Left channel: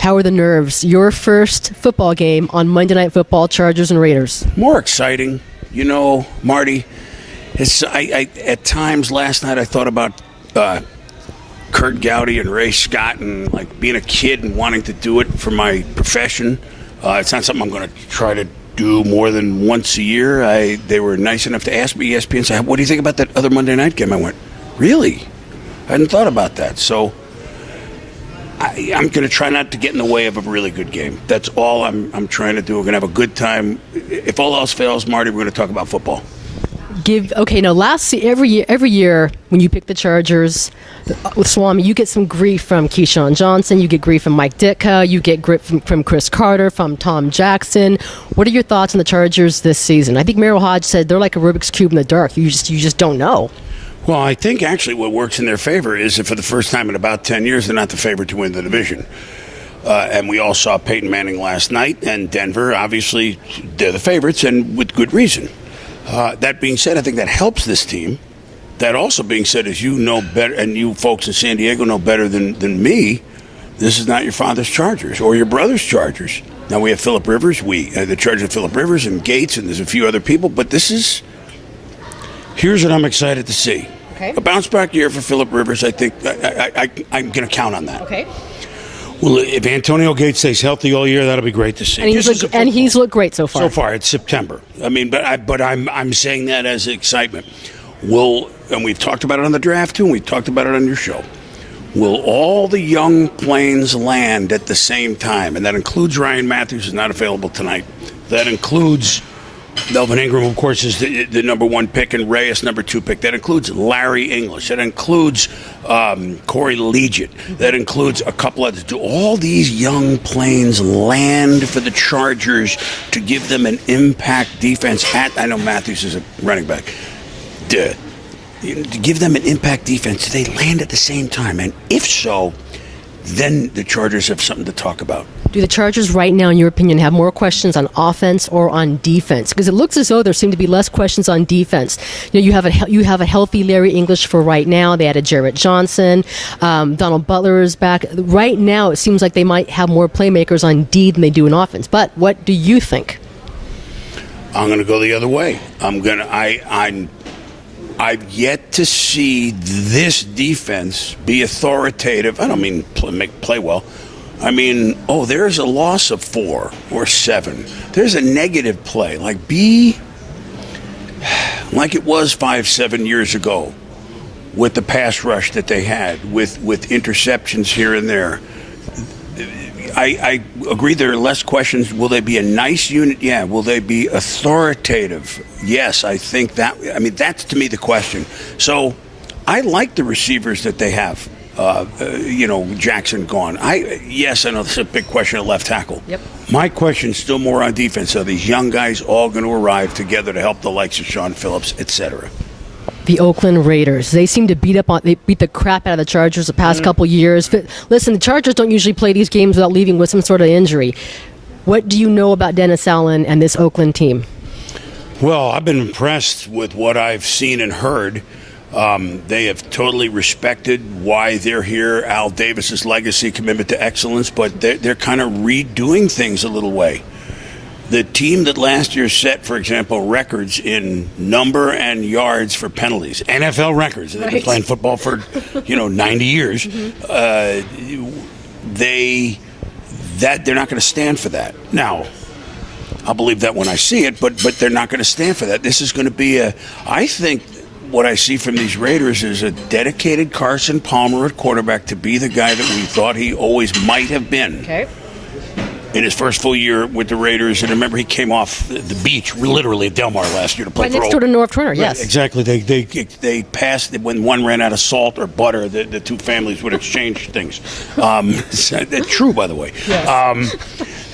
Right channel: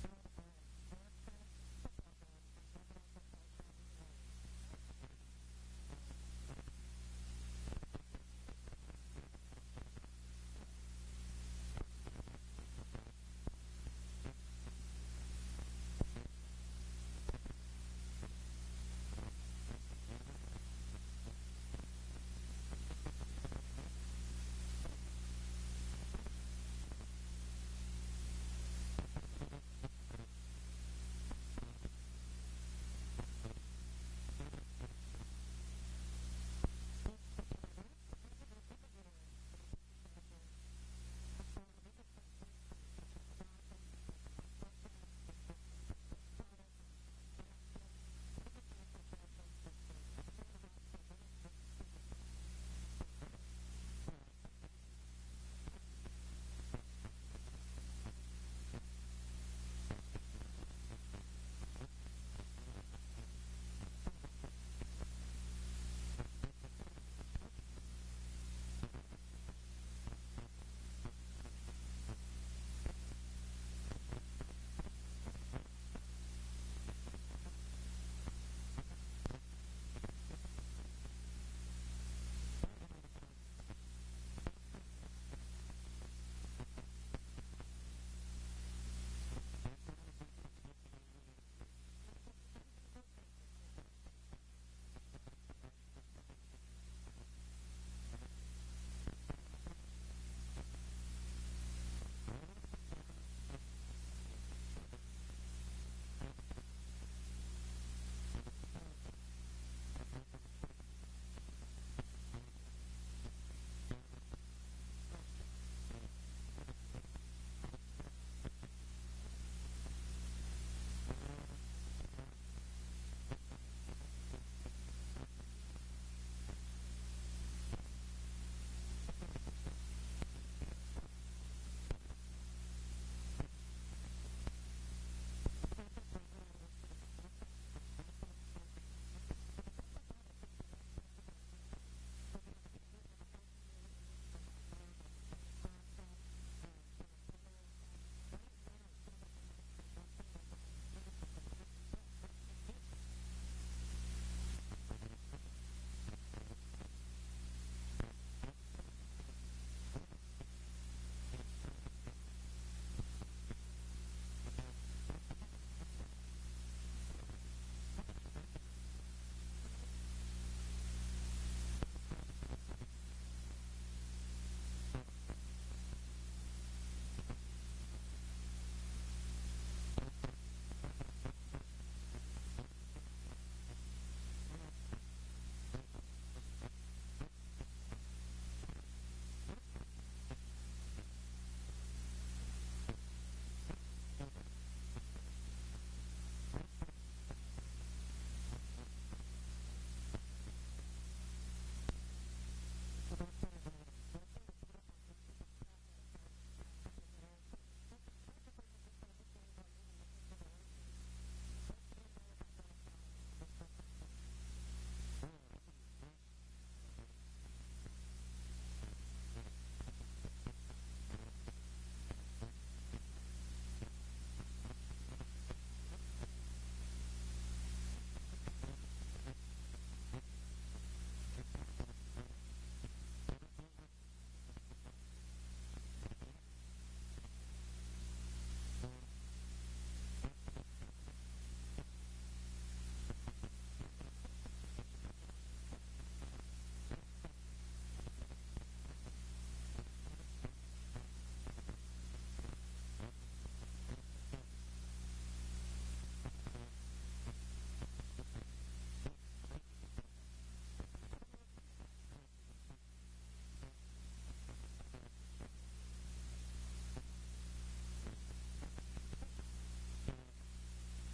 How are the nerves? Your first football game on Monday Night Football, Chargers and Raiders. More exciting. You know, Marty, I at times last night I thought about Kurt Gowdy and Ray Scott and like being a kid and wanting to do it for my profession. It's not something I'm going to try to do more than once a year. They were nice enough to ask me, ESPN, say, what do you think about that other Monday night game? I went, really? I hadn't thought about that. So I'm going to try not to get in the way of a really good game. That's all I'm trying to do. We're going to have a good time. If all else fails, Marty, we're going to talk about football. Every year when you pick the Chargers with Swami, you get some grief from Keyshawn Johnson, you get grief from Mike Ditka, you get grief from Chris Carter, from Tom Jackson. What are your thoughts on the Chargers this season? I think Merrill Hodge said they're like a Rubik's Cube in the dark. You just don't know. Well, I think actually what works in their favor is that for the first time in about 10 years, they're not the favorite to win the division. And we all saw Peyton Manning last night, and Denver, obviously, they're the favorites, and with good reason. That being said, I think that helps this team. That also being said, as you know better, and you folks in San Diego know better than me, this is not your father's Chargers or your brother's Chargers. Now we have Phillip Rivers, the Chargers of Phillip Rivers and Gates, and there's a few other people, but here's what I'm excited to see. Okay. A bounce back year for Phillip Rivers, I think I'm going to count on that. Okay. Well, if Antonio Gates stays healthy all year, that'll be great to see. And he's looked great so far. So far, it's September. I mean, but I'm saying that as excitement. And we've talked about it on the draft too, and we've talked about it on your show. Will all the young planes land at the same time? And that includes Ryan Matthews, who's not available tonight. That includes Melvin Ingram, of course, is the number one pick, and Reyes, number 2 pick. That includes Larry English. That includes Corey Leggett. That includes a couple others. Do all these young planes land for the Chargers to give them an impact defense I know Matthews is a running back. To give them an impact defense, do they land at the same time? And if so, then the Chargers have something to talk about. Do the Chargers right now, in your opinion, have more questions on offense or on defense? Because it looks as though there seem to be less questions on defense. You have a healthy Larry English for right now. They added Jarrett Johnson. Donald Butler is back. Right now, it seems like they might have more playmakers on D than they do in offense. But what do you think? I'm going to go the other way. I've yet to see this defense be authoritative. I don't mean play well. I mean, there's a loss of 4 or 7. There's a negative play. Be like it was 5-7 years ago with the pass rush that they had, with interceptions here and there. I agree there are less questions. Will they be a nice unit? Yeah. Will they be authoritative? Yes, I think that. I mean, that's to me the question. So I like the receivers that they have. Jackson gone. Yes, I know this is a big question at left tackle. Yep. My question is still more on defense. Are these young guys all going to arrive together to help the likes of Sean Phillips, etc.? The Oakland Raiders. They seem to beat the crap out of the Chargers the past couple years. Listen, the Chargers don't usually play these games without leaving with some sort of injury. What do you know about Dennis Allen and this Oakland team? Well, I've been impressed with what I've seen and heard. They have totally respected why they're here, Al Davis's legacy, commitment to excellence, but they're kind of redoing things a little way. The team that last year set, for example, records in number and yards for penalties, NFL records. They've been playing football for, 90 years. They're not going to stand for that. Now, I'll believe that when I see it, but they're not going to stand for that. This is going to be I think what I see from these Raiders is a dedicated Carson Palmer at quarterback to be the guy that we thought he always might have been. Okay. In his first full year with the Raiders, and remember he came off the beach, literally at Del Mar last year to play right next door to North Turner. Yes, right, exactly. They passed when one ran out of salt or butter. The two families would exchange things. That's true, by the way. Yes.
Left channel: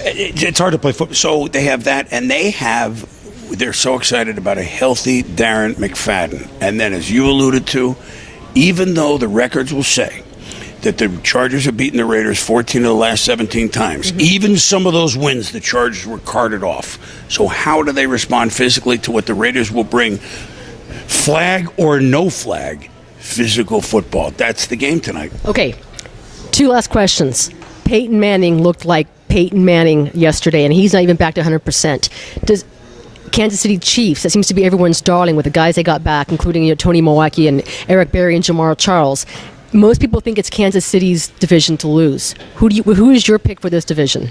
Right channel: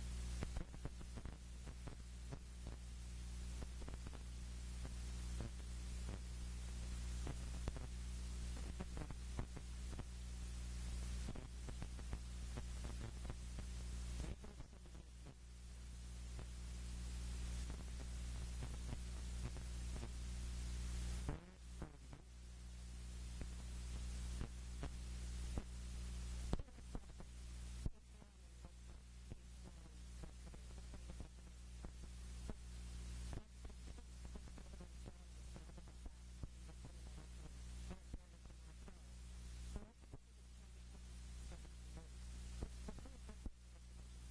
It's hard to play football, so they have that, and they're so excited about a healthy Darren McFadden. And then, as you alluded to, even though the records will say that the Chargers have beaten the Raiders 14 of the last 17 times. Even some of those wins, the Chargers were carted off. So how do they respond physically to what the Raiders will bring? Flag or no flag, physical football. That's the game tonight. Okay, 2 last questions. Peyton Manning looked like Peyton Manning yesterday, and he's not even back to 100%. Does Kansas City Chiefs, that seems to be everyone's darling with the guys they got back, including Tony Milwaukee and Eric Berry and Jamar Charles. Most people think it's Kansas City's division to lose. Who is your pick for this division?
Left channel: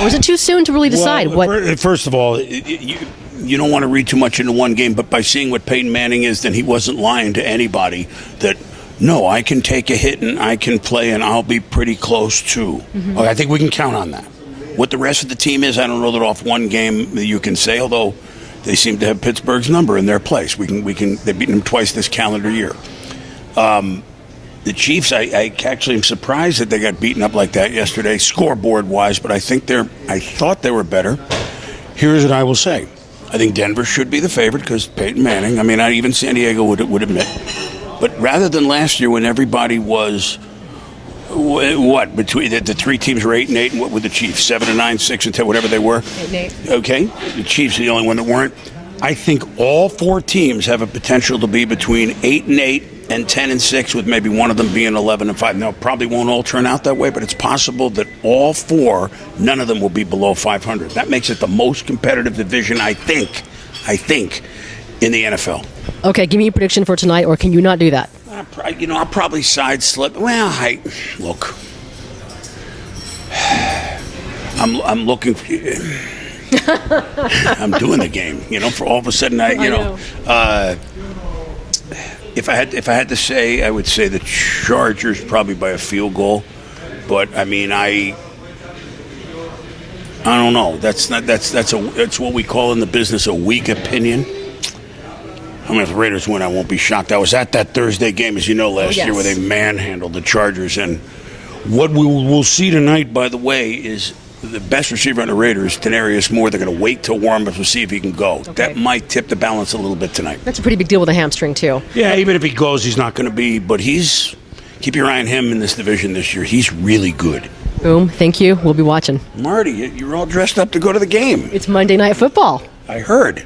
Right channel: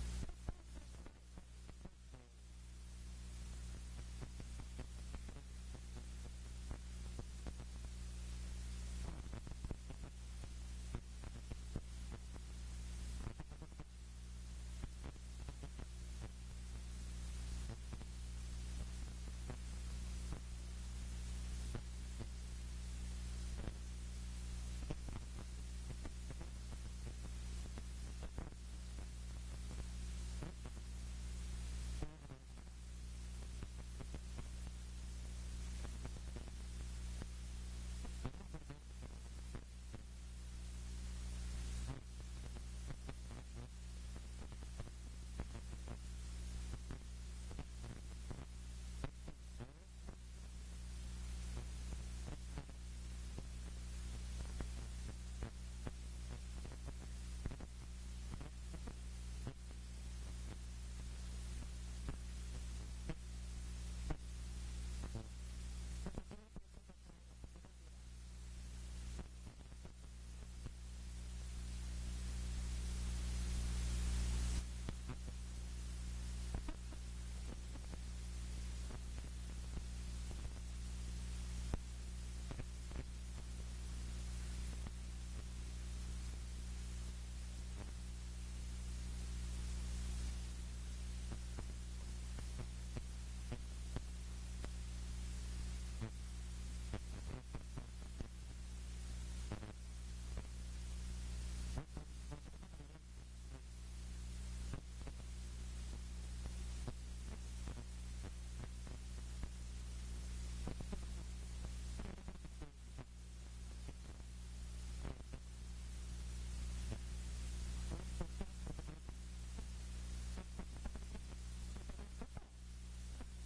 Or is it too soon to really decide? First of all, you don't want to read too much into one game, but by seeing what Peyton Manning is, then he wasn't lying to anybody that, no, I can take a hit and I can play and I'll be pretty close too. Mm-hmm. I think we can count on that. What the rest of the team is, I don't know that off one game that you can say, although they seem to have Pittsburgh's number in their place. They've beaten them twice this calendar year. The Chiefs, I actually am surprised that they got beaten up like that yesterday, scoreboard-wise, but I thought they were better. Here's what I will say. I think Denver should be the favorite because Peyton Manning. I mean, even San Diego would admit. But rather than last year when everybody was, between the three teams were 8-8, and what were the Chiefs? 7-9, 6-10, whatever they were? 8-8. Okay. The Chiefs are the only one that weren't. I think all four teams have a potential to be between 8-8 and 10-6, with maybe one of them being 11-5. Now, probably won't all turn out that way, but it's possible that all four, none of them will be below 500. That makes it the most competitive division, I think, in the NFL. Okay, give me a prediction for tonight, or can you not do that? I'll probably side slip. Well, look, I'm looking. I'm doing the game. For all of a sudden, if I had to say, I would say the Chargers probably by a field goal. But I mean, I don't know. That's what we call in the business a weak opinion. I mean, if the Raiders win, I won't be shocked. I was at that Thursday game, as you know, last year where they manhandled the Chargers. And what we will see tonight, by the way, is the best receiver on the Raiders, Tenarius Moore. They're going to wait till warm-up to see if he can go. Okay. That might tip the balance a little bit tonight. That's a pretty big deal with a hamstring, too. Yeah, even if he goes, he's not going to be. But keep your eye on him in this division this year. He's really good. Boom. Thank you. We'll be watching. Marty, you're all dressed up to go to the game. It's Monday Night Football. I heard.